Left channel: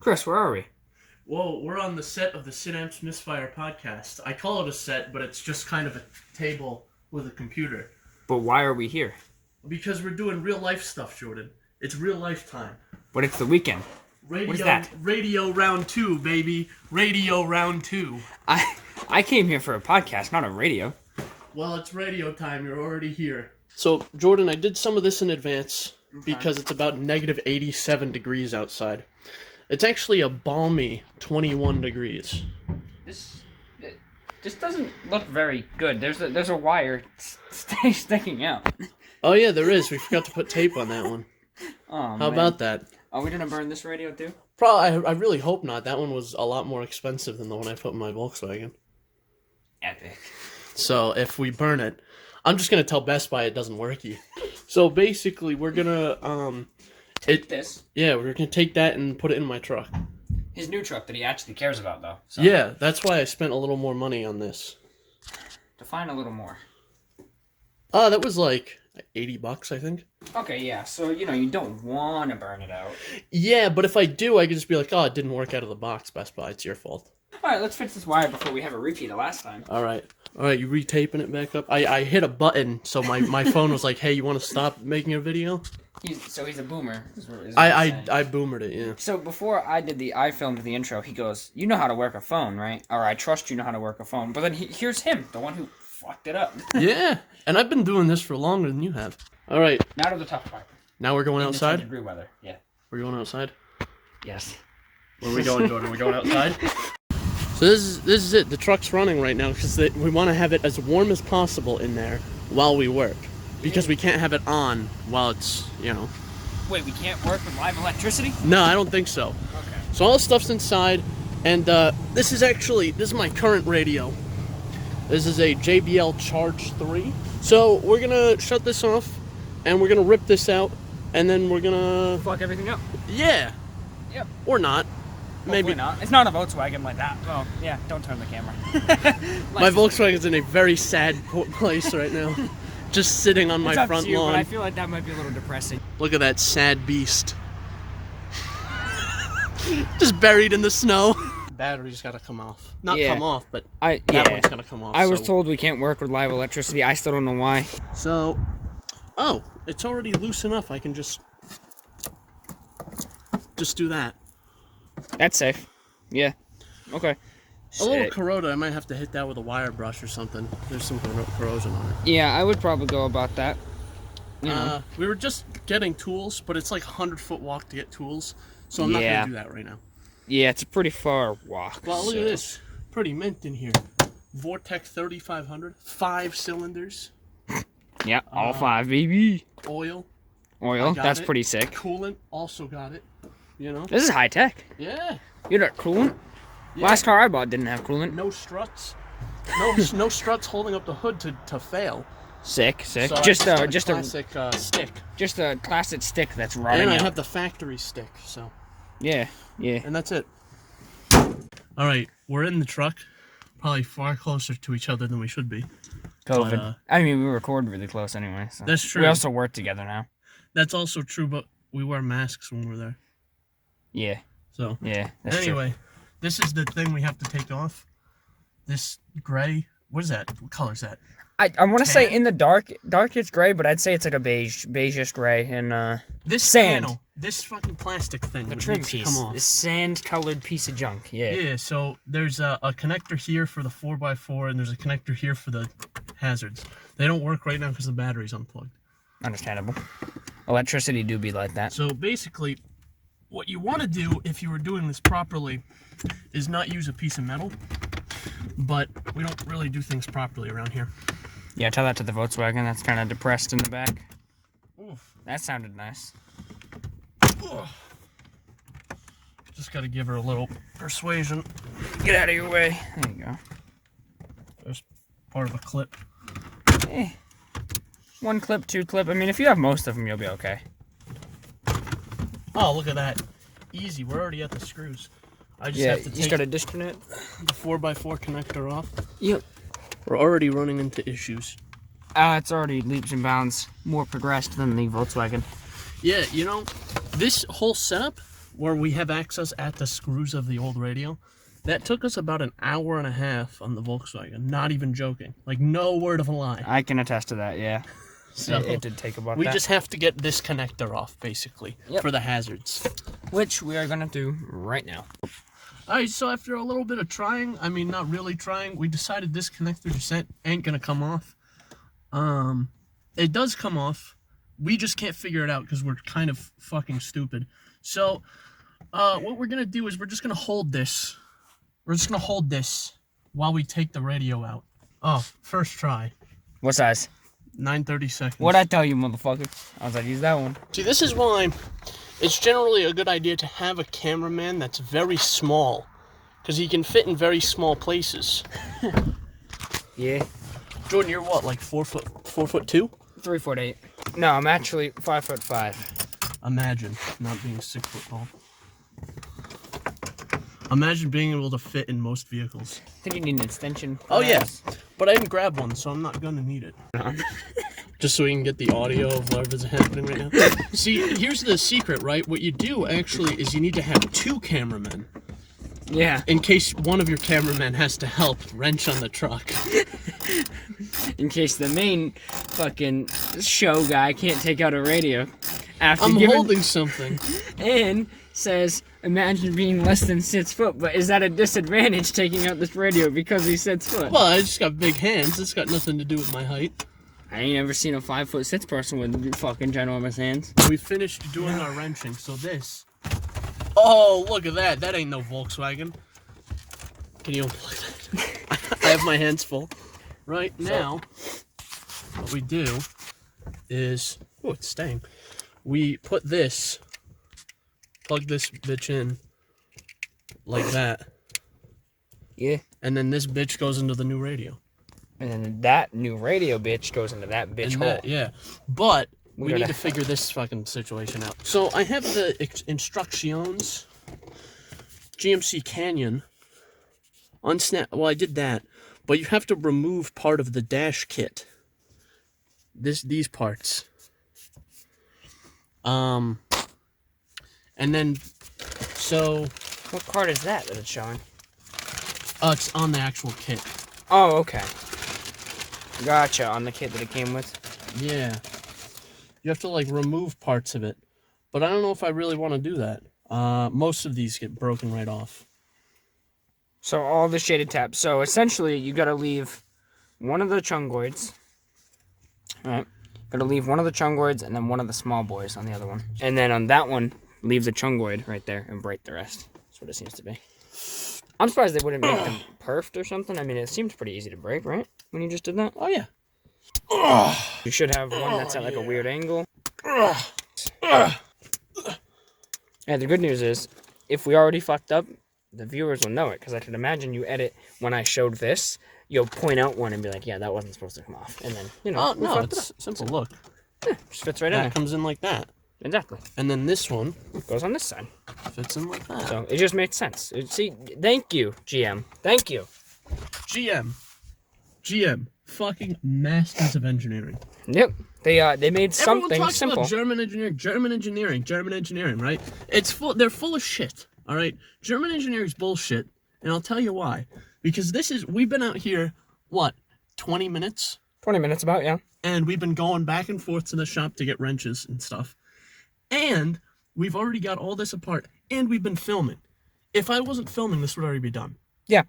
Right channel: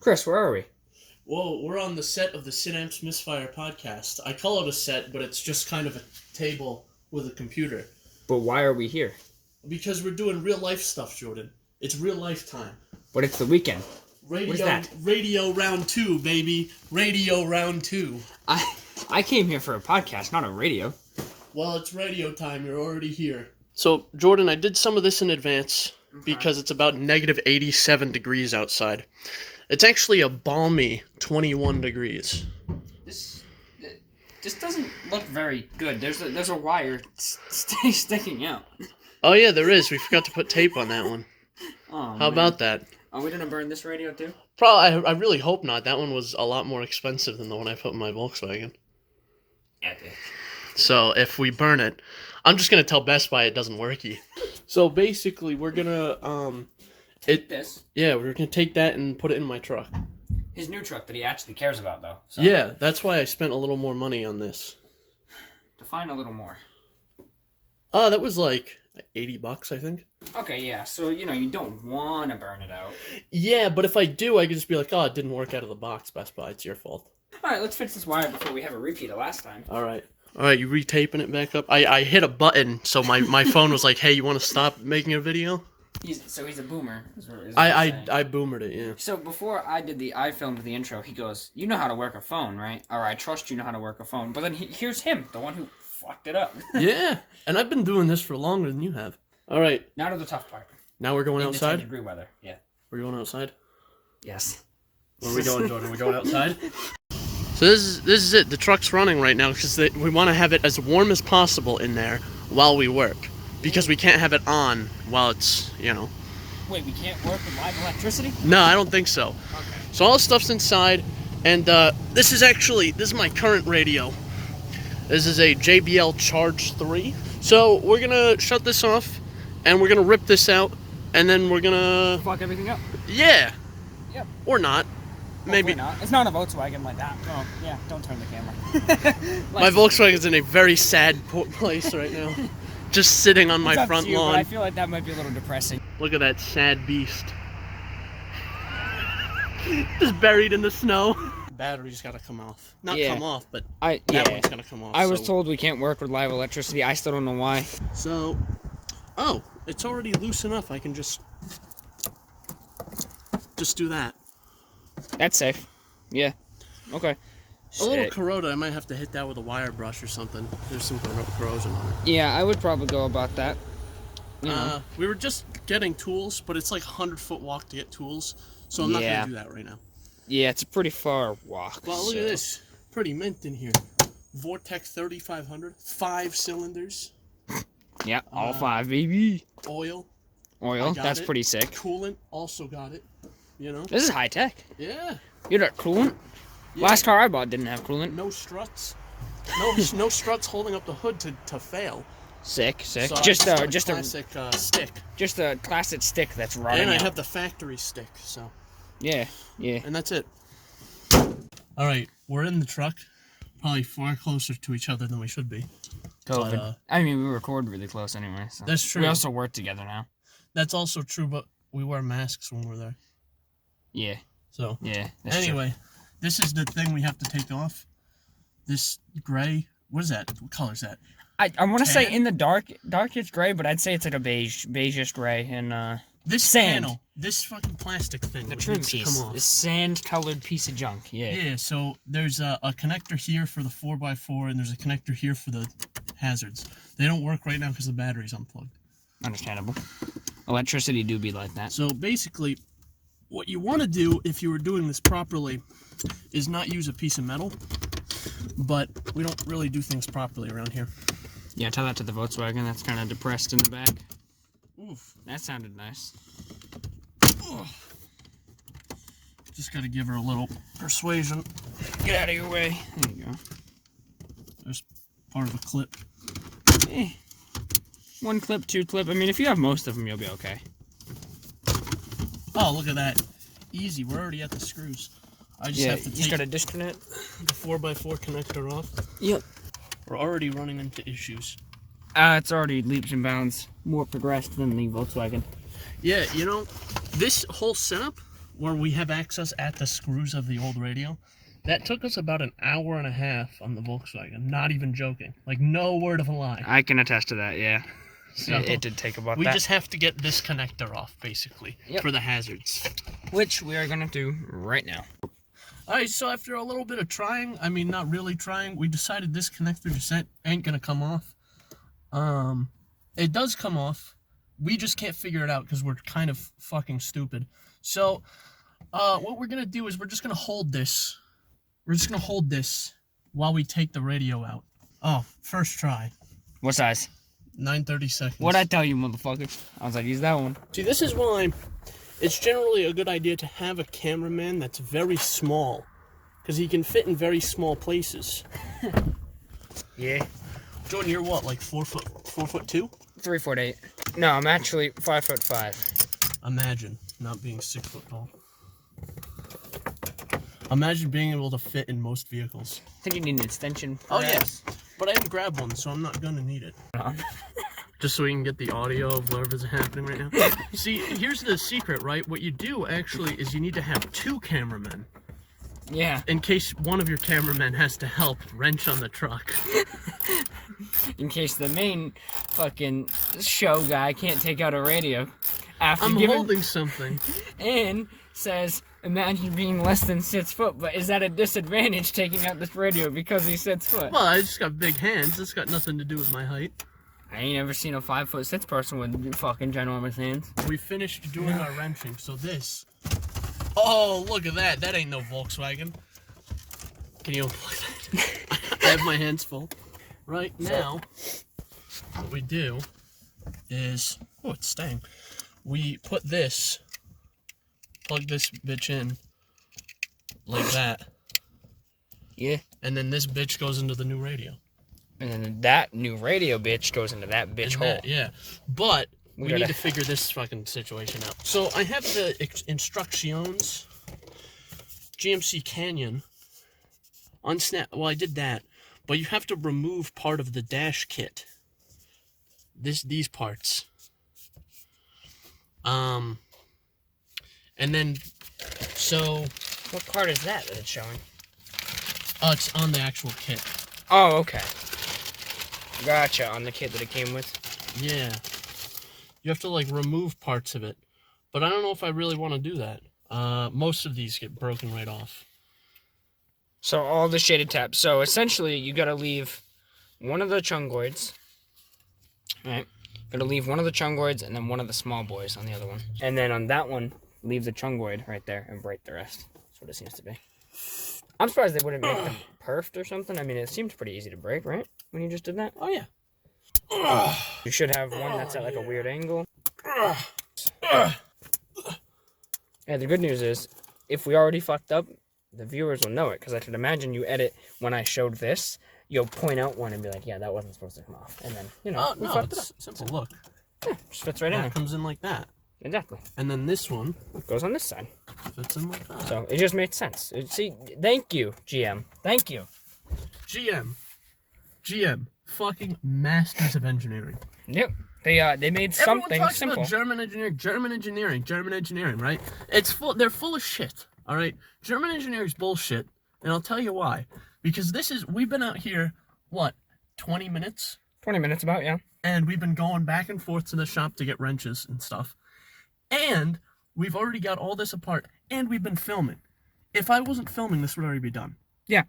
Chris, where are we? Well, we're on the set of the Synapse Misfire podcast. I call it a set, but it's just kind of a table with a computer. But why are we here? Because we're doing real life stuff, Jordan. It's real life time. But it's the weekend. Radio, what is that? Radio round 2, baby. Radio round 2. I came here for a podcast, not a radio. Well, it's radio time. You're already here. So, Jordan, I did some of this in advance because it's about negative 87 degrees outside. It's actually a balmy 21 degrees. This doesn't look very good. There's a wire sticking out. Oh yeah, there is. We forgot to put tape on that one. Oh, How about that? Are we gonna burn this radio too? Probably. I really hope not. That one was a lot more expensive than the one I put in my Volkswagen. Epic. So if we burn it, I'm just gonna tell Best Buy it doesn't worky. So basically, we're gonna This. Yeah, we're gonna take that and put it in my truck. His new truck that he actually cares about, though. So. Yeah, that's why I spent a little more money on this. Define a little more. That was like $80, I think. Okay, yeah. So you don't want to burn it out. Yeah, but if I do, I could just be like, oh, it didn't work out of the box, Best Buy. It's your fault. All right, let's fix this wire before we have a repeat of last time. All right, you retaping it back up? I hit a button, so my phone was like, hey, you want to stop making a video? He's a boomer. I boomered it, yeah. So before I filmed the intro, he goes, "You know how to work a phone, right? Or I trust you know how to work a phone." But then here's him, the one who fucked it up. Yeah, and I've been doing this for longer than you have. All right. Now to the tough part. Now we're going outside? 10-degree weather, yeah. We're going outside? Yes. Where are we going, Jordan? We're going outside? So this is it. The truck's running right now because we want to have it as warm as possible in there while we work. Because we can't have it on while it's, Wait, we can't work with live electricity? No, I don't think so. So all the stuff's inside, and this is my current radio. This is a JBL Charge 3. So we're gonna shut this off, and we're gonna rip this out, and then we're gonna Fuck everything up. Yeah. Yep. Or not. Maybe not. It's not a Volkswagen like that. Oh, yeah, don't turn the camera. My Volkswagen's in a very sad place right now. Just sitting on my front lawn. I feel like that might be a little depressing. Look at that sad beast. Just buried in the snow. The battery's gotta come off. Not come off, but that one's gotta come off. I was told we can't work with live electricity. I still don't know why. So, it's already loose enough. I can just do that. That's safe. Yeah. Okay. A little corroded. I might have to hit that with a wire brush or something. There's some corrosion on it. Yeah, I would probably go about that. We were just getting tools, but it's like 100-foot walk to get tools, so I'm not going to do that right now. Yeah, it's a pretty far walk. Well, look at this. Pretty mint in here. Vortex 3500, 5 cylinders. Yeah, all 5, baby. Oil. That's pretty sick. Coolant, also got it. This is high tech. Yeah. You got coolant? Yeah. Last car I bought didn't have coolant. No struts. No struts holding up the hood to fail. Sick. So just a classic stick. Just a classic stick that's rotting And I out. have the factory stick, so. Yeah. And that's it. All right, we're in the truck. Probably far closer to each other than we should be. COVID. But, I mean, we record really close anyway. So. That's true. We also work together now. That's also true, but we wear masks when we're there. Yeah. So. Yeah. That's anyway, true. This is the thing we have to take off. This gray. What is that? What color is that? I want to say in the dark it's gray, but I'd say it's like a beigeish gray and this sand. Panel, this fucking plastic thing. The trim piece. This sand-colored piece of junk. Yeah. Yeah. So there's a connector here for the 4x4, and there's a connector here for the hazards. They don't work right now because the battery's unplugged. Understandable. Electricity do be like that. So basically, what you want to do if you were doing this properly is not use a piece of metal, but we don't really do things properly around here. Yeah, tell that to the Volkswagen. That's kind of depressed in the back. Oof. That sounded nice. Ugh. Just got to give her a little persuasion. Get out of your way. There you go. There's part of a clip. 1 clip, 2 clip. I mean, if you have most of them, you'll be okay. Oh, look at that. Easy. We're already at the screws. I just have to you take just gotta disconnect the 4x4 connector off. Yep. We're already running into issues. It's already leaps and bounds more progressed than the Volkswagen. Yeah, this whole setup where we have access at the screws of the old radio. That took us about an hour and a half on the Volkswagen. Not even joking. Like, no word of a lie. I can attest to that, yeah. So It did take about we that. just have to get this connector off, basically, for the hazards. Which we are going to do right now. Alright, so after a little bit of trying, I mean, not really trying, we decided this connector just ain't gonna come off. It does come off. We just can't figure it out because we're kind of fucking stupid. So, what we're gonna do is we're just gonna hold this. We're just gonna hold this while we take the radio out. Oh, first try. What size? 9:30 seconds. What'd I tell you, motherfucker? I was like, use that one. See, this is why it's generally a good idea to have a cameraman that's very small, because he can fit in very small places. Yeah. Jordan, you're what, like 4'2"? 3'8". No, I'm actually 5'5". Imagine not being 6 foot tall. Imagine being able to fit in most vehicles. I think you need an extension. Oh, yes. But I didn't grab one, so I'm not gonna need it. Just so we can get the audio of whatever's happening right now. See, here's the secret, right? What you do, actually, is you need to have 2 cameramen. Yeah. In case one of your cameramen has to help wrench on the truck. In case the main fucking show guy can't take out a radio after I'm holding something. And says, imagine being less than 6 foot, but is that a disadvantage taking out this radio because he's 6 foot? Well, I just got big hands. It's got nothing to do with my height. I ain't ever seen a 5'6" person with fucking ginormous hands. We finished doing our wrenching, so this. Oh, look at that. That ain't no Volkswagen. Can you unplug that? I have my hands full. Right now, what we do is, oh, it's staying. We put this, plug this bitch in like that. Yeah. And then this bitch goes into the new radio. And then that new radio bitch goes into that bitch And hole. that- yeah. But we need gotta- to figure this fucking situation out. So I have the instructions. GMC Canyon. Unsnap. Well, I did that. But you have to remove part of the dash kit. These parts. And then, so. What card is that it's showing? It's on the actual kit. Oh, okay. Gotcha, on the kit that it came with. Yeah. You have to, like, remove parts of it. But I don't know if I really want to do that. Most of these get broken right off. So all the shaded tabs. So essentially, you gotta leave one of the chungoids. Right? Gotta leave one of the chungoids and then one of the small boys on the other one. And then on that one, leave the chungoid right there and break the rest. That's what it seems to be. I'm surprised they wouldn't make them perfed or something. I mean, it seemed pretty easy to break, right? When you just did that? Oh, yeah. You should have one that's at like a weird angle. Yeah, the good news is, if we already fucked up, the viewers will know it, because I could imagine you edit when I showed this, you'll point out one and be like, yeah, that wasn't supposed to come off. And then, you know, we no, fucked it up. it's simple. Look. Yeah, just fits right in Yeah, there. it comes in like that. Exactly. And then this one Goes on this side. fits in like that. So, it just made sense. See, thank you, GM. Thank you. GM. Fucking masters of engineering. Yep. They made something Everyone talks simple. about German engineering, right? They're full of shit, all right? German engineering's bullshit, and I'll tell you why. Because we've been out here, 20 minutes? 20 minutes about, yeah. And we've been going back and forth to the shop to get wrenches and stuff. And we've already got all this apart, and we've been filming. If I wasn't filming, this would already be done. Yeah.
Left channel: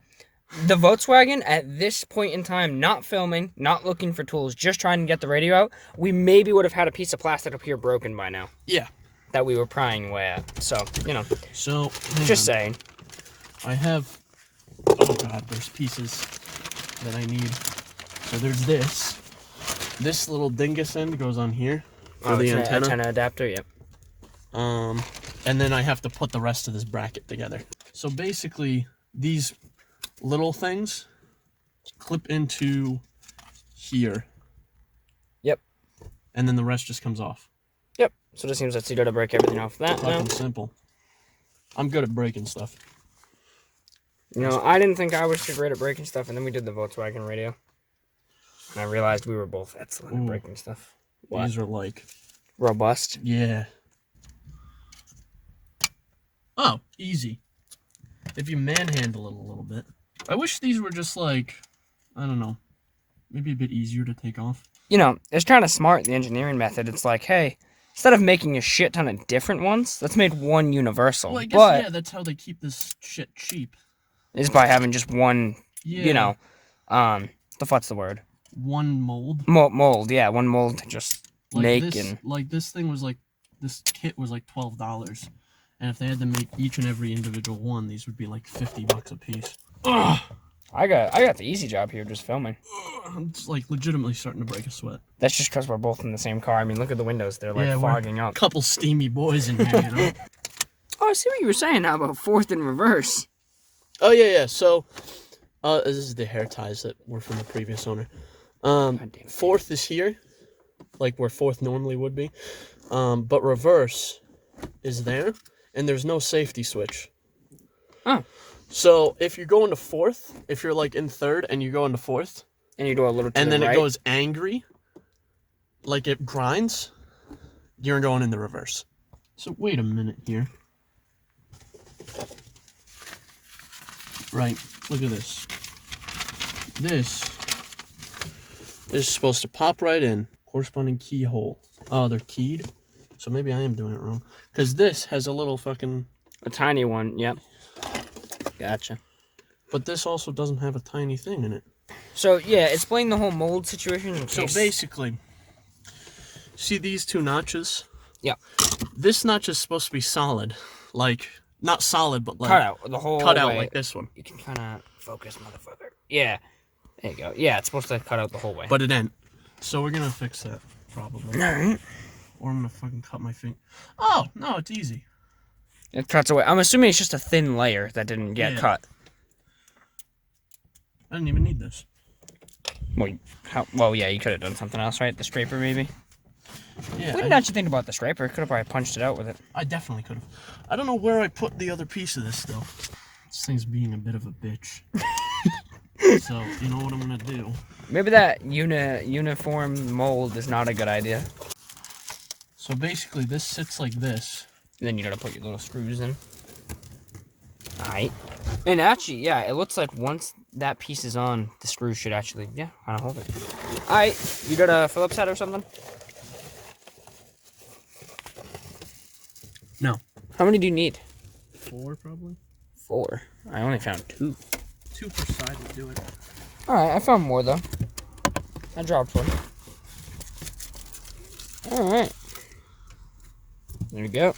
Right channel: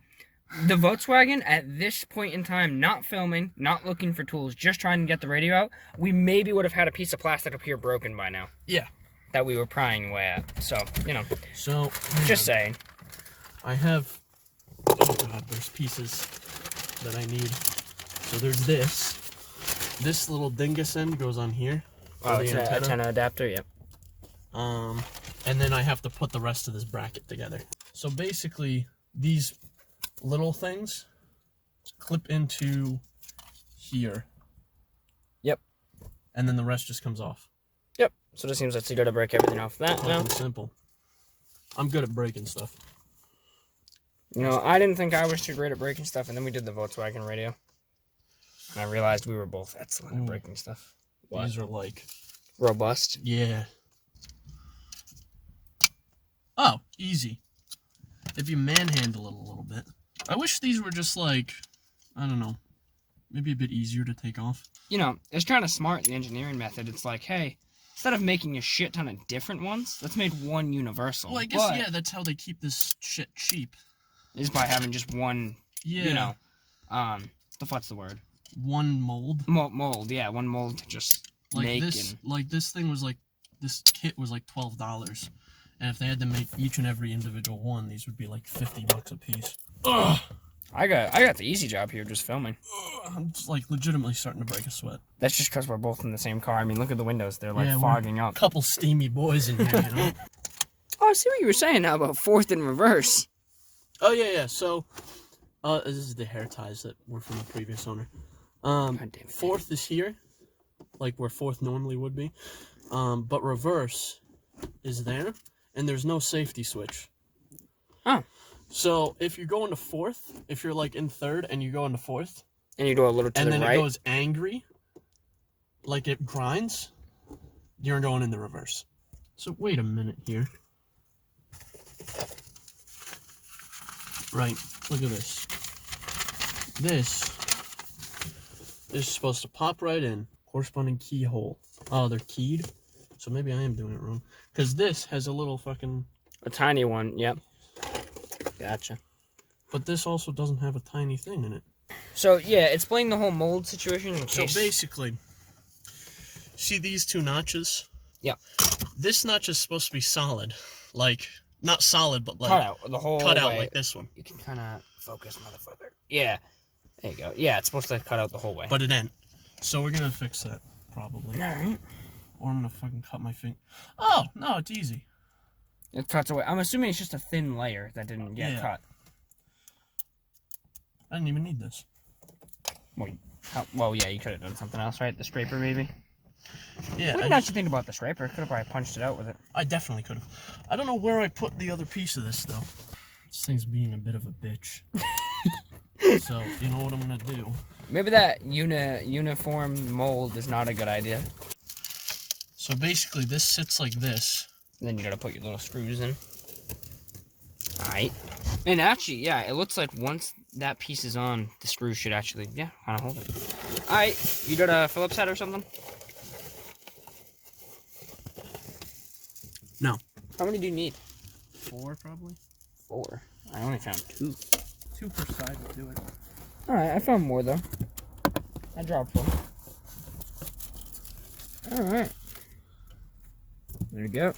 The Volkswagen, at this point in time, not filming, not looking for tools, just trying to get the radio out, we maybe would have had a piece of plastic up here broken by now. Yeah. That we were prying away at. So, you know. So, Just saying. I have, oh god, there's pieces that I need. So there's this. This little dingus end goes on here. Oh, it's an antenna adapter, yep. And then I have to put the rest of this bracket together. So basically, these little things clip into here. Yep. And then the rest just comes off. Yep. So it seems like you gotta break everything off that now. Fucking simple. I'm good at breaking stuff. You know, I didn't think I was too great at breaking stuff, and then we did the Volkswagen radio. And I realized we were both excellent at breaking stuff. These are like... Robust. Yeah. Oh, easy. If you manhandle it a little bit. I wish these were just like, I don't know, maybe a bit easier to take off. You know, it's kind of smart, the engineering method. It's like, hey, instead of making a shit ton of different ones, let's make one universal. Well, I guess, yeah, that's how they keep this shit cheap. Is by having just one, Yeah. you know, the fuck's the word? One mold. Mold, yeah, one mold to just Like make this, and... like this thing was like, this kit was like $12. And if they had to make each and every individual one, these would be like $50 a piece. Ugh. I got the easy job here just filming. I'm just like legitimately starting to break a sweat. That's just because we're both in the same car. I mean, look at the windows. They're like Yeah, we're fogging up. Couple steamy boys in here, you know? Oh, I see what you were saying now about fourth in reverse. Oh, yeah. So, this is the hair ties that were from the previous owner. Fourth is here, like where fourth normally would be. But reverse is there, and there's no safety switch. Oh. So, if you're going to fourth, if you're like in third and you go into fourth, And you do a little to and the then right. it goes angry, like it grinds, you're going in the reverse. So, wait a minute here. Right, look at this. This is supposed to pop right in. Corresponding keyhole. Oh, they're keyed? So maybe I am doing it wrong. Because this has a little fucking... A tiny one, yep. Gotcha. But this also doesn't have a tiny thing in it. So, yeah, explain the whole mold situation in So case... basically, see these two notches? Yeah. This notch is supposed to be solid. Like, not solid, but like... Cut out the whole cut out way. like this one. You can kind of focus, motherfucker. Yeah. There you go. Yeah, it's supposed to cut out the whole way. But it ain't. So we're going to fix that, probably. Alright. Or I'm going to fucking cut my finger. Oh, no, it's easy. It cuts away. I'm assuming it's just a thin layer that didn't get cut. I didn't even need this. Well, yeah, you could have done something else, right? The scraper, maybe? Yeah, What did you think about the scraper? Could have probably punched it out with it. I definitely could have. I don't know where I put the other piece of this, though. This thing's being a bit of a bitch. So, you know what I'm going to do? Maybe that uniform mold is not a good idea. So basically, this sits like this. And then you gotta put your little screws in. Alright. And actually, yeah, it looks like once that piece is on, the screw should actually, yeah, kind of hold it. Alright, you got a Phillips head or something? No. How many do you need? 4, probably. 4. I only found 2. 2 per side would do it. Alright, I found more though. I dropped one. Alright. There you go.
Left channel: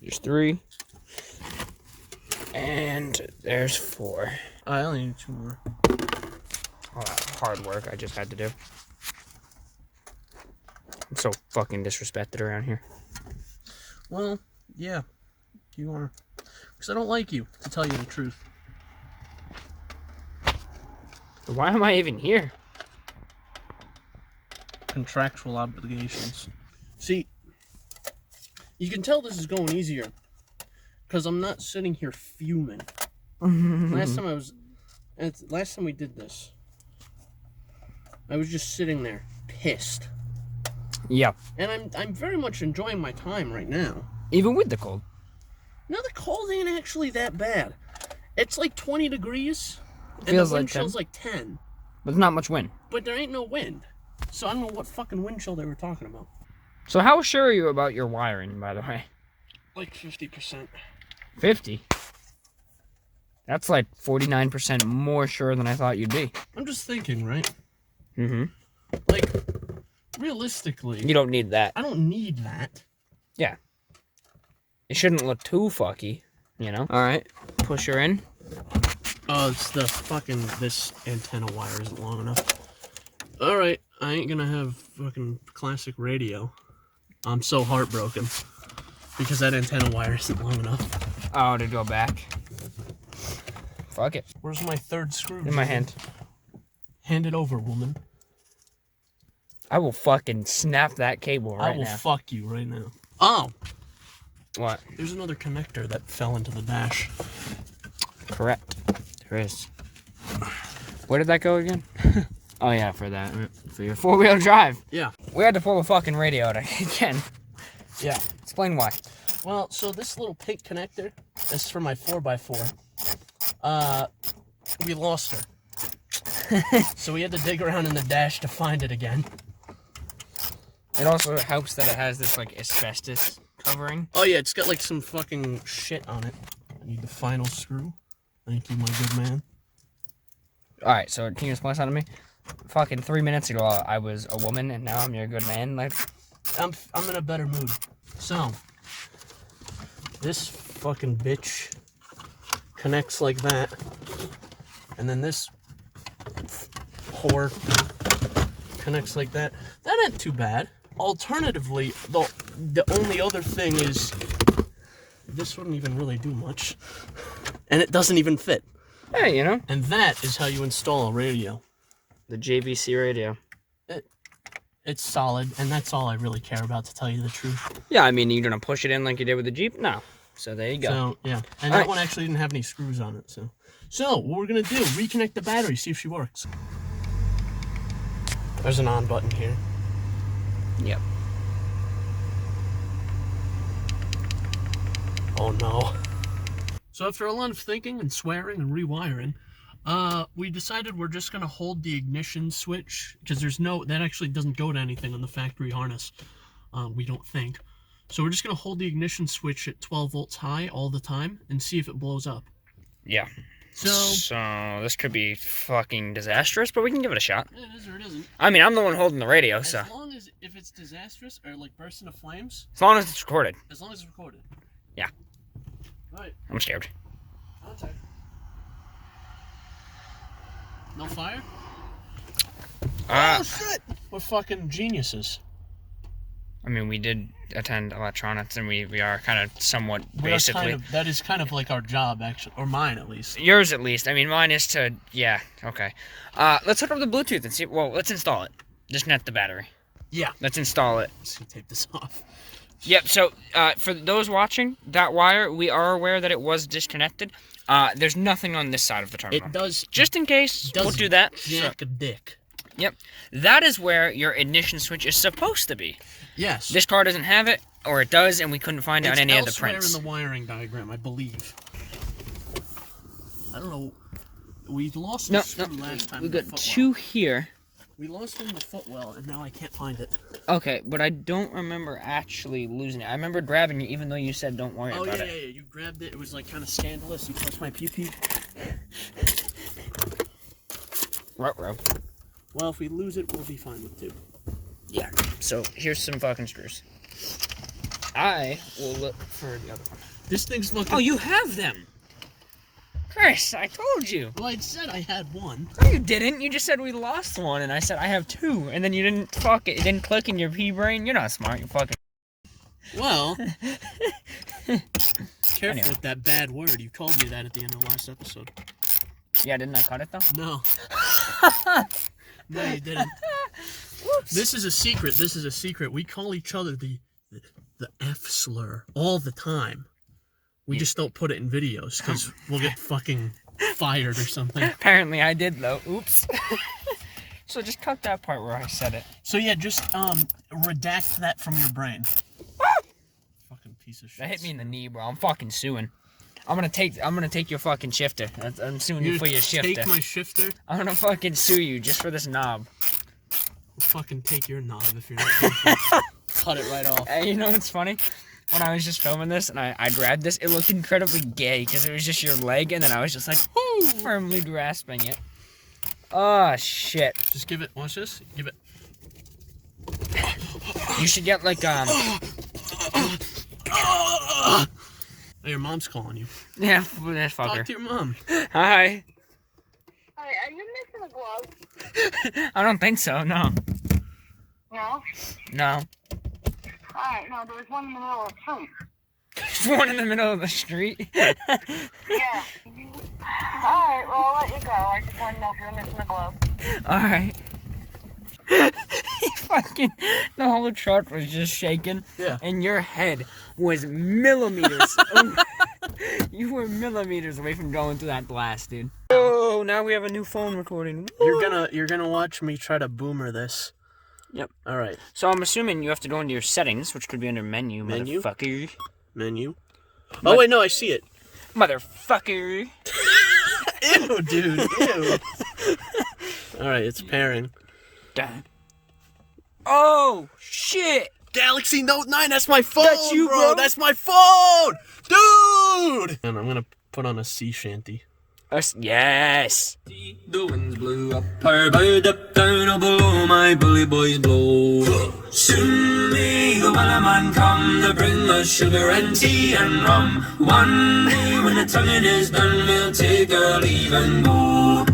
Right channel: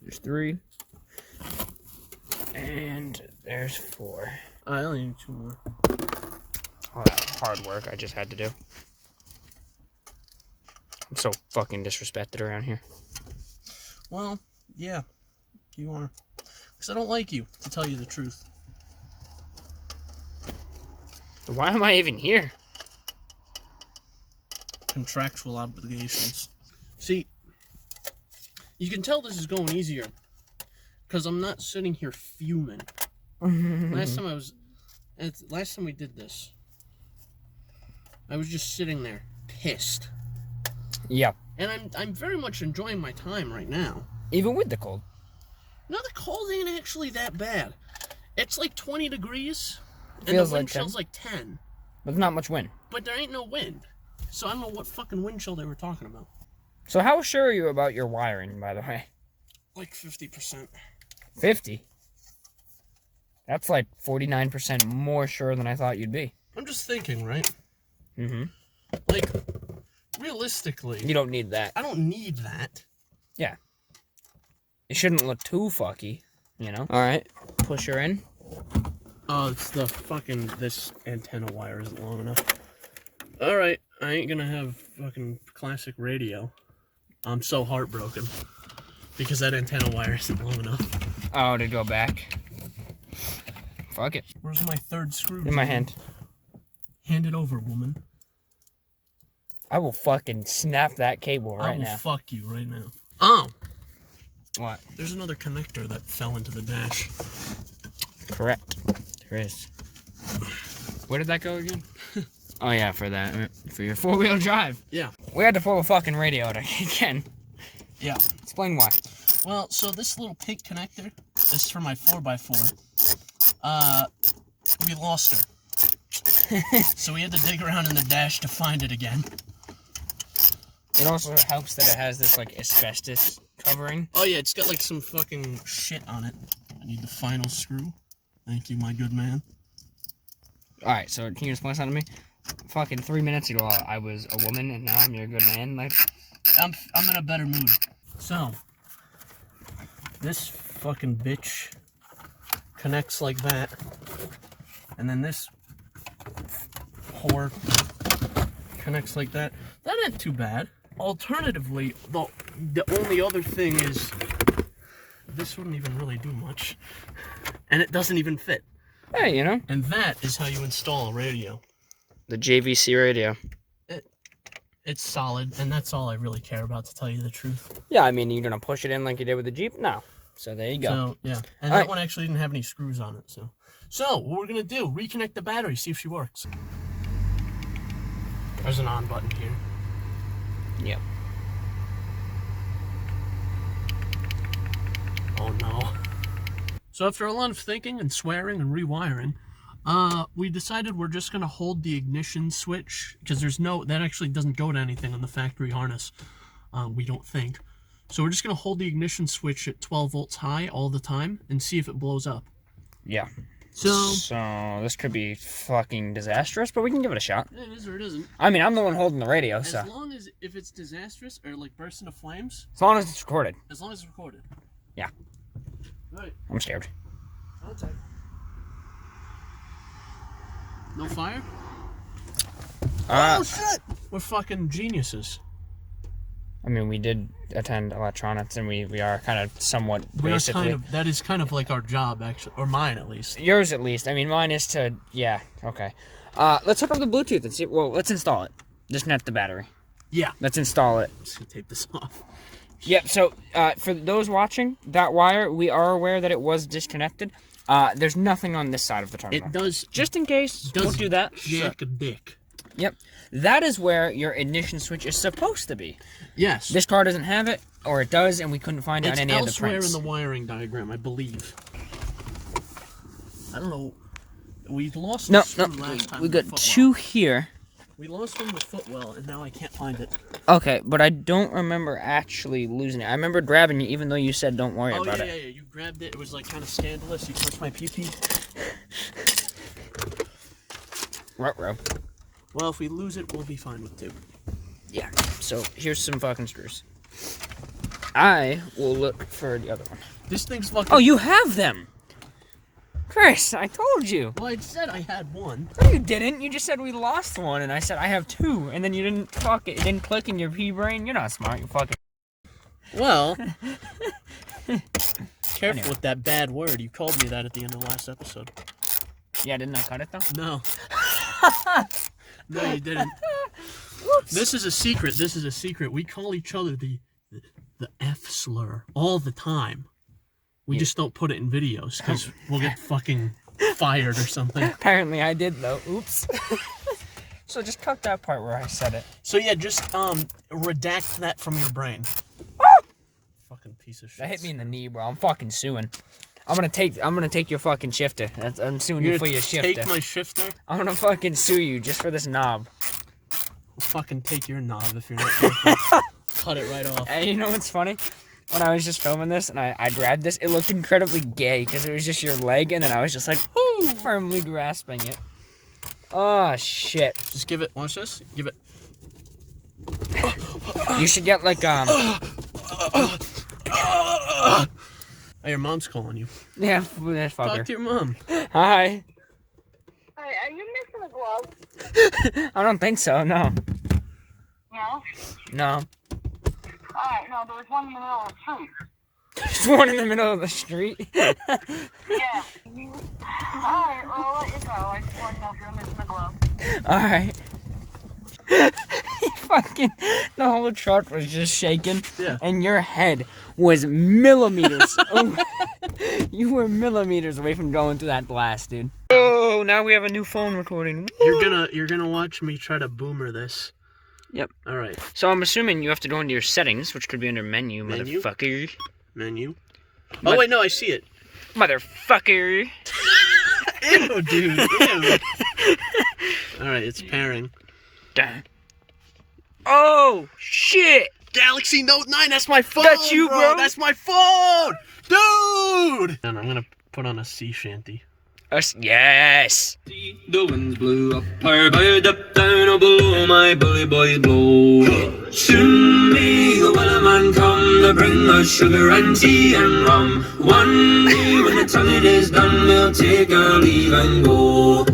There's 3. And there's 4. I only need 2 more. All that hard work I just had to do. I'm so fucking disrespected around here. Well, yeah. You are. Because I don't like you, to tell you the truth. Why am I even here? Contractual obligations. See, you can tell this is going easier. Because I'm not sitting here fuming. Last time we did this, I was just sitting there, pissed. Yeah. And I'm very much enjoying my time right now. Even with the cold. No, the cold ain't actually that bad. It's like 20 degrees, and Feels the wind like 10. chill's like 10. But there's not much wind. But there ain't no wind. So I don't know what fucking wind chill they were talking about. So how sure are you about your wiring, by the way? Like 50%. 50? That's like 49% more sure than I thought you'd be. I'm just thinking, right? Mm-hmm. Like, realistically, You don't need that. I don't need that. Yeah. It shouldn't look too fucky, you know? Alright. Push her in. Oh, it's the fucking, this antenna wire isn't long enough. Alright, I ain't gonna have fucking classic radio. I'm so heartbroken. Because that antenna wire isn't long enough. Oh, to go back. Fuck it. Where's my third screw? In my hand. Hand it over, woman. I will fucking snap that cable I right will now. fuck you right now. Oh! What? There's another connector that fell into the dash. Correct. There is. Where did that go again? Oh yeah, for that. For your 4-wheel drive. Yeah. We had to pull the fucking radio out again. Yeah. Explain why. Well, so this little pink connector, this is for my 4x4. We lost her. So we had to dig around in the dash to find it again. It also helps that it has this like asbestos covering. Oh yeah, it's got like some fucking shit on it. I need the final screw. Thank you, my good man. Alright, so can you explain something to me? Fucking 3 minutes ago I was a woman and now I'm your good man. Like, I'm in a better mood. So, this fucking bitch connects like that. And then this whore connects like that. That ain't too bad. Alternatively, the only other thing is this wouldn't even really do much. And it doesn't even fit. hey, you know, And that is how you install a radio. the JVC radio. It's solid, and that's all I really care about, to tell you the truth. Yeah, I mean, you're gonna push it in like you did with the Jeep? No. So there you go. So, yeah. And All that right. one actually didn't have any screws on it, so. So, what we're gonna do, reconnect the battery, see if she works. There's an on button here. Yep. Oh no. So after a lot of thinking and swearing and rewiring, we decided we're just gonna hold the ignition switch, because that actually doesn't go to anything on the factory harness. We don't think. So we're just gonna hold the ignition switch at 12 volts high all the time and see if it blows up. Yeah. So this could be fucking disastrous, but we can give it a shot. it is or it isn't. I mean, I'm the one holding the radio, As so long as if it's disastrous or like bursts into flames, as long as it's recorded. as long as it's recorded. Yeah. Right. I'm scared. Contact. No fire? Oh shit! We're fucking geniuses. I mean, we did attend electronics, and we are kind of somewhat basically. That is kind of like our job, actually, or mine at least. Yours at least. I mean, mine is to. Yeah. Okay. Let's hook up the Bluetooth and see. Well, let's install it. Disconnect the battery. Yeah. Let's install it. Let's tape this off. Yep. So, for those watching, that wire, we are aware that it was disconnected. There's nothing on this side of the terminal. It does. Just in case, we'll do that. Jack a dick. Yep. That is where your ignition switch is supposed to be. Yes. This car doesn't have it, or it does, and we couldn't find it on any of the elsewhere prints. in the wiring diagram, I believe. I don't know. We lost No, the screw last time. we with got Footwell. two here. We lost one with Footwell, and now I can't find it. Okay, but I don't remember actually losing it. I remember grabbing you, even though you said don't worry about it. Yeah. You grabbed it. It was like kind of scandalous. You touched my pee-pee. Ruh-roh. Well, if we lose it, we'll be fine with two. Yeah, so here's some fucking screws. I will look for the other one. This thing's fucking... Oh, you have them! Chris, I told you. Well, I said I had one. No, you didn't. You just said we lost one, and I said I have two, and then you didn't fuck it. It didn't click in your pea-brain. You're not smart, you fucking... Well... Careful Anyway. with that bad word. You called me that at the end of the last episode. Yeah, didn't I cut it, though? No. No, you didn't. Oops. This is a secret. This is a secret. We call each other the F slur all the time. We just don't put it in videos because we'll get fucking fired or something. Apparently I did, though. Oops. So just cut that part where I said it. So yeah, just redact that from your brain. Fucking piece of shit. That hit me in the knee, bro. I'm fucking suing. I'm gonna take your fucking shifter. I'm suing you for your shifter. Take my shifter? I'm gonna fucking sue you just for this knob. I'll fucking take your knob if you're not careful. Cut it right off. Hey, you know what's funny? When I was just filming this and I grabbed this, it looked incredibly gay because it was just your leg, and then I was just like firmly grasping it. Oh shit! Just give it. Watch this. Give it. You should get like Hey, your mom's calling you. yeah, this Talk fucker. to your mom. Hi. Hi, are you missing a glove? I don't think so. No. No? No. Alright, no, there was one in the middle of the street. There's one in the middle of the street. Yeah. Alright, well, I'll let you go. I just want to know if you're missing a glove. Alright. Fucking, the whole truck was just shaking. Yeah. And your head was millimeters. You were millimeters away from going through that blast, dude. Oh, now we have a new phone recording. You're gonna watch me try to boomer this. Yep. All right. So I'm assuming you have to go into your settings, which could be under menu, Menu? motherfucker. Menu. Oh, wait, no, I see it. Motherfucker. Ew, dude. Ew. All right, it's pairing. Dang. Oh, shit. Galaxy Note 9, that's my phone, That's you, bro? That's my phone! Dude! And I'm gonna put on a sea shanty. Yes. The winds blew up her bird up down oh, below my bully boys blow. Soon may the wellerman come to bring us sugar and tea and rum. One day when the tonguing is done, we'll take our leave and go.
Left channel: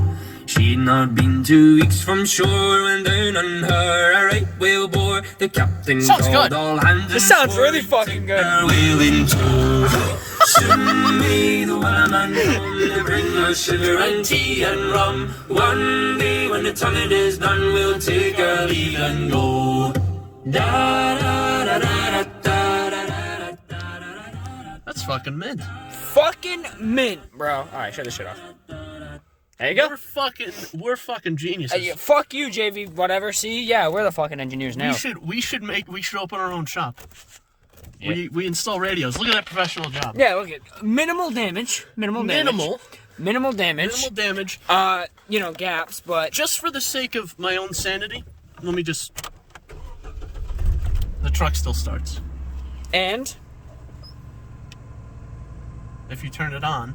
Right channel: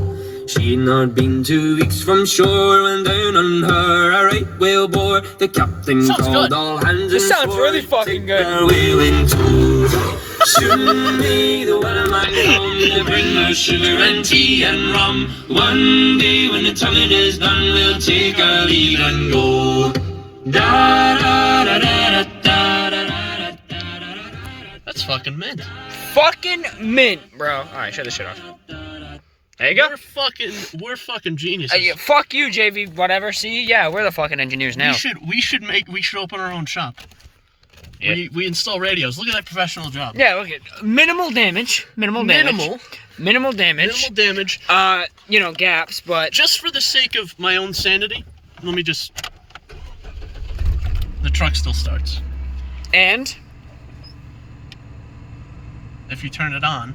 She'd not been 2 weeks from shore when down on her a right whale bore. The captain Sounds called good. all hands. This and sounds swore really to fucking take good. our whale in tow. Soon may the wellerman come to bring us sugar and tea and rum. One day when the tonguing is done, we'll take our leave and go. Da da da da da da da da da. That's fucking mint. Fucking mint, bro. All right, shut this shit off. There you go. We're fucking geniuses. Yeah, fuck you, JV. Whatever. See, yeah, we're the fucking engineers now. We should open our own shop. Yeah. We install radios. Look at that professional job. Yeah, look at minimal damage. Minimal damage. Minimal damage. Minimal damage. Gaps, but Just for the sake of my own sanity, let me just. The truck still starts. and If you turn it on,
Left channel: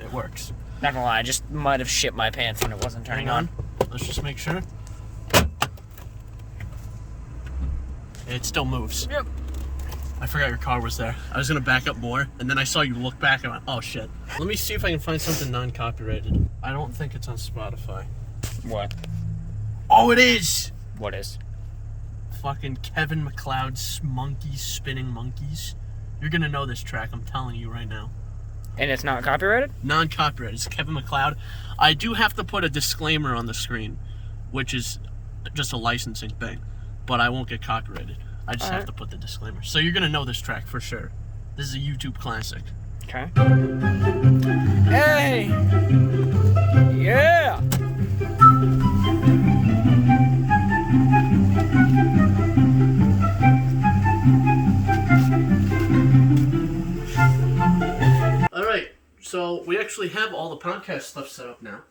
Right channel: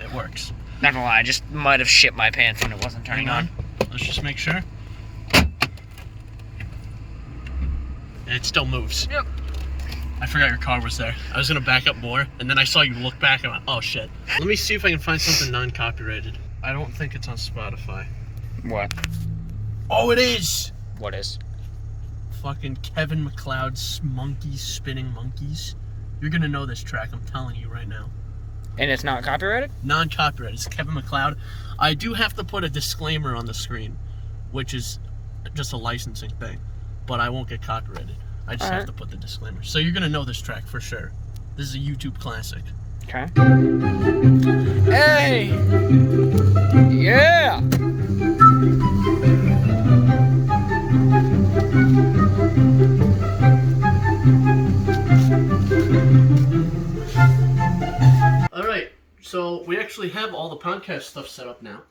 it works. not gonna lie, I just might have shit my pants when it wasn't turning Hang on. Let's just make sure. It still moves. Yep. I forgot your car was there. I was gonna back up more, and then I saw you look back and I went, oh shit. Let me see if I can find something non-copyrighted. I don't think it's on Spotify. What? Oh, it is! What is? Fucking Kevin MacLeod's Monkeys Spinning Monkeys. You're gonna know this track, I'm telling you right now. And it's not copyrighted? Non-copyrighted. It's Kevin MacLeod. I do have to put a disclaimer on the screen, which is just a licensing thing, but I won't get copyrighted. I just have to put the disclaimer. So you're gonna know this track for sure. This is a YouTube classic. Okay. Hey! Yeah! All right, so we actually have all the podcast stuff set up now.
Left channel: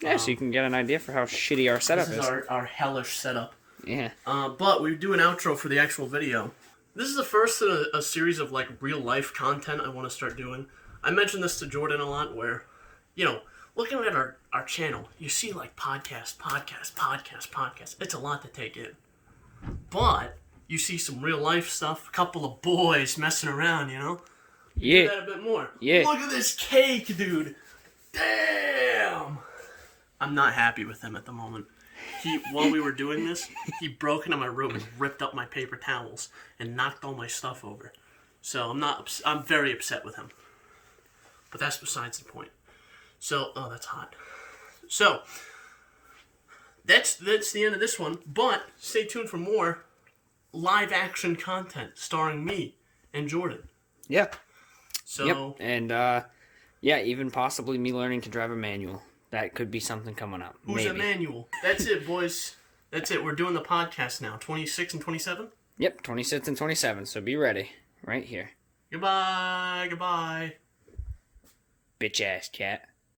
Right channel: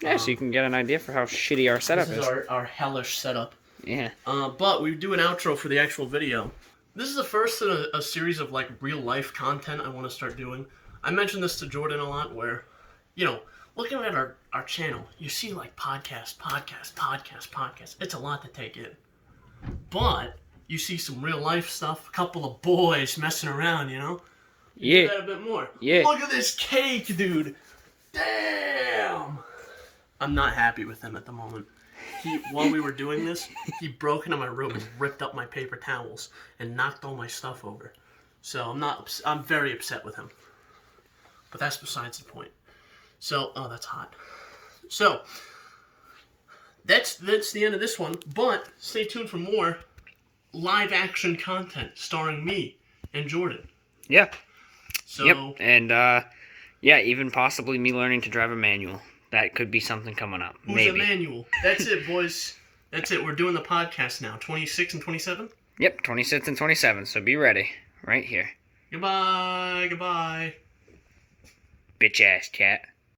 Yeah, so you can get an idea for how shitty our setup This is. is our hellish setup. Yeah. But we do an outro for the actual video. This is the first in a series of like real life content I want to start doing. I mentioned this to Jordan a lot where, looking at our channel, you see like podcast. It's a lot to take in. But you see some real life stuff, a couple of boys messing around, Yeah. that a bit more. Yeah. Look at this cake, dude. Damn. I'm not happy with him at the moment. While we were doing this, he broke into my room and ripped up my paper towels and knocked all my stuff over. So I'm very upset with him. But that's besides the point. So, oh, that's hot. So, that's the end of this one. But stay tuned for more live action content starring me and Jordan. Yep. So, Yep. And, even possibly me learning to drive a manual. That could be something coming up. who's Maybe. Emmanuel? That's it, boys. That's it. We're doing the podcast now. 26 and 27? Yep, 26 and 27, so be ready. Right here. Goodbye. Bitch ass cat.